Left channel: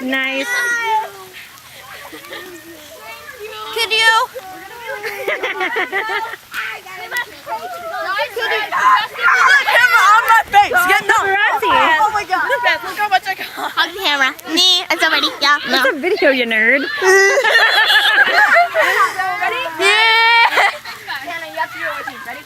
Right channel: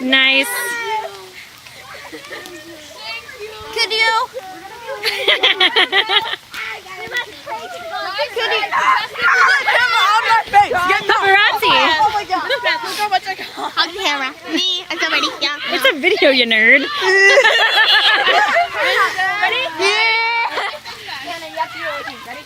Nice. Could you? Look, camera on my face. Get no. Paparazzi. Oh my god. Look how much I got. On camera. Me and somebody. Yeah. It's a video, you nerd.